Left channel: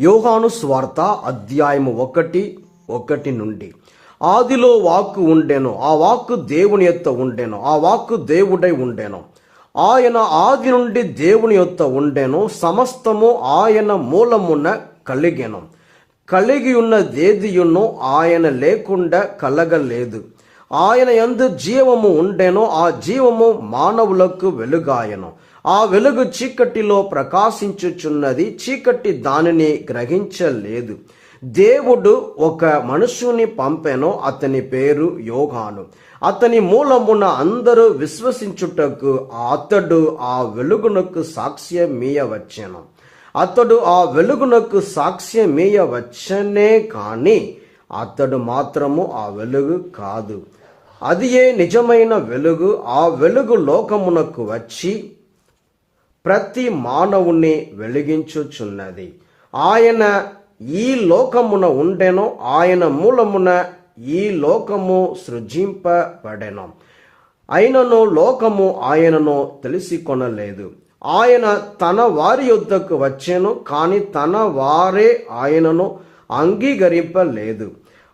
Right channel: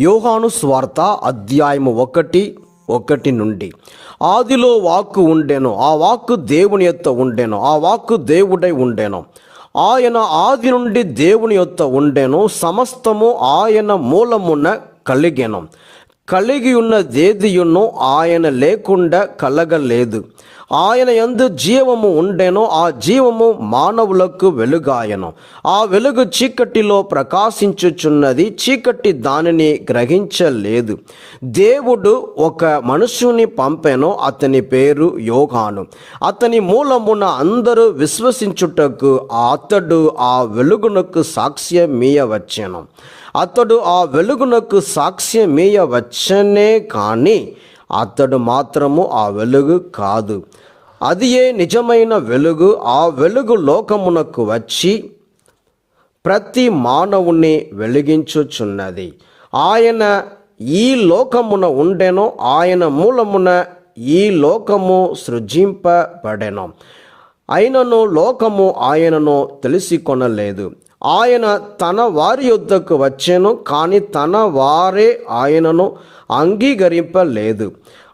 యోహాను స్వార్త అధ్యాయము 1:1 నుండి. ఆదిలో వాక్కు ఉండెను, ఆ వాక్కు దేవుని యొద్ద ఉండెను, ఆ వాక్కు దేవుడై ఉండెను. ఆయన ఆది నుండి దేవుని యొద్ద ఉండెను. సమస్తము ఆయన మూలమున కలిగెను. కలిగి ఉన్నదేదియును ఆయన లేకుండా కలగలేదు. ఆయన యందు జీవము ఉండెను, ఆ జీవము మానవులకు వెలుగాయను. ఆ వెలుగు చీకటిలో ప్రకాశించుచున్నది, చీకటి దానిని గ్రహించలేదు. దేవుడు ఒక మనుషుని పంపెను, అతని పేరు యోహాను. అతని మూలమున అందరూ విశ్వసించుటకు అతడు ఆ వెలుగునకు సాక్ష్యమీయవచ్చెను. అతడు ఆ వెలుగునకు సాక్ష్యమీయవచ్చనే కానీ అతడు మాత్రము ఆ వెలుగు కాదు. అదియే నిజమైన వెలుగు. ఆ వెలుగు లోకమునకు వచ్చి ప్రతి మానవుని వెలిగించుచున్నది. ఆయన ఈ లోకమున ఉండెను, ఆయన మూలమున ఈ లోకము సృజింపబడెను. అయినను లోకము ఆయనను తెలిసికొనలేదు. ఆయన తన వారి యొద్దకు వచ్చెను, కానీ తన వారే ఆయనను అంగీకరింపలేదు.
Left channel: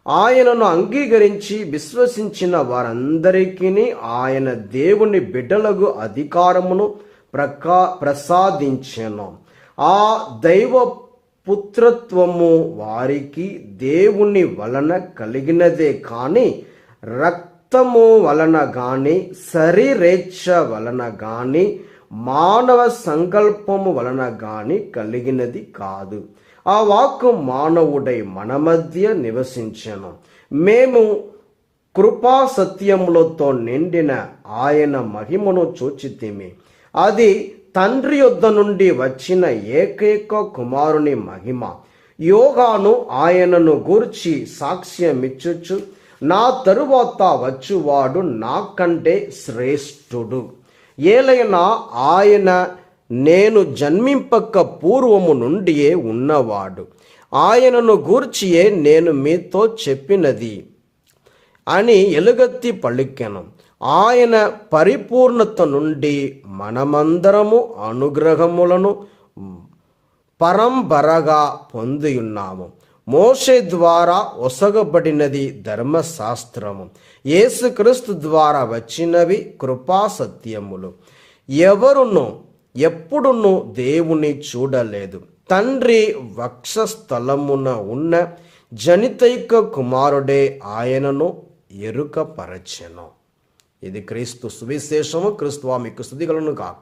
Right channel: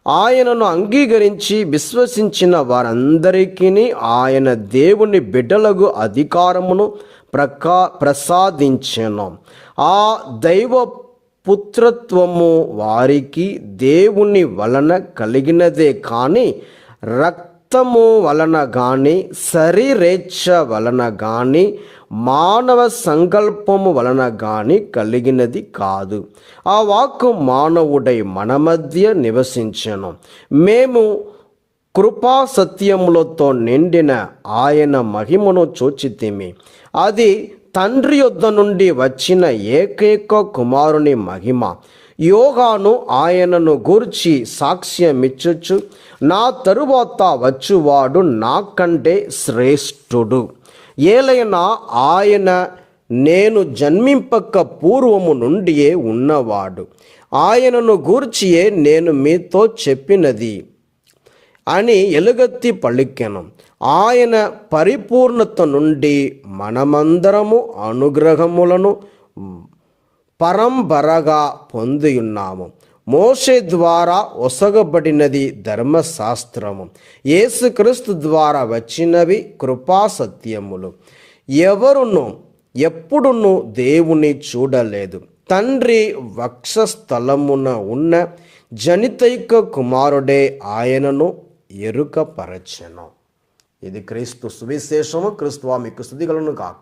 ఆయనను అంగీకరించి విశ్వసించిన వారందరికీ ఆయన దేవుని బిడ్డలకు అధికారమును ప్రసాదించెను. ఆ దైవ పుత్రత్వము వారికి దేవుని వలన కలిగినదే కానీ రక్తము వలన కానీ శరీరేచ్ఛ వలన కానీ మానవ సంకల్పము వలన కానీ కలిగినది కాదు. ఆ వాక్కు మానవుడై మన మధ్య నివసించెను. మేము కృపా సత్యములతో నిండిన ఆయన మహిమను చూచితిమి. అది తండ్రి యొద్ద నుండి వచ్చిన ఏకైక కుమారుని మహిమ. యోహాను ఆయనను గూర్చి సాక్ష్యమిచ్చుచు, నా తరువాత వచ్చువాడు నాకంటే శ్రేష్ఠుడు, ఏలైనా ఆయన నేను జన్మింపక పూర్వము నుండియే ఉన్నవాడు, ఆయనను గూర్చియే నేను మీతో చెప్పినది అని ఎలుగెత్తి పలికెను. ఆయన పరిపూర్ణత నుండి మనమందరము అనుగ్రహములను పరంపరగా పొందియున్నాము. మోషే ద్వారా ఒసగబడినది ధర్మశాస్త్రము, యేసుక్రీస్తు ద్వారా వచ్చినవి కృపా సత్యములు. ఎవరును ఎప్పుడును దేవుని చూడలేదు. తండ్రి వక్షస్థలమున ఉన్న జనితైక కుమారుడే ఆయనను ఎరుకపరచెను. ఇది క్రీస్తు సువిశేషము. క్రీస్తువా మీకు స్తుతికలును గాక.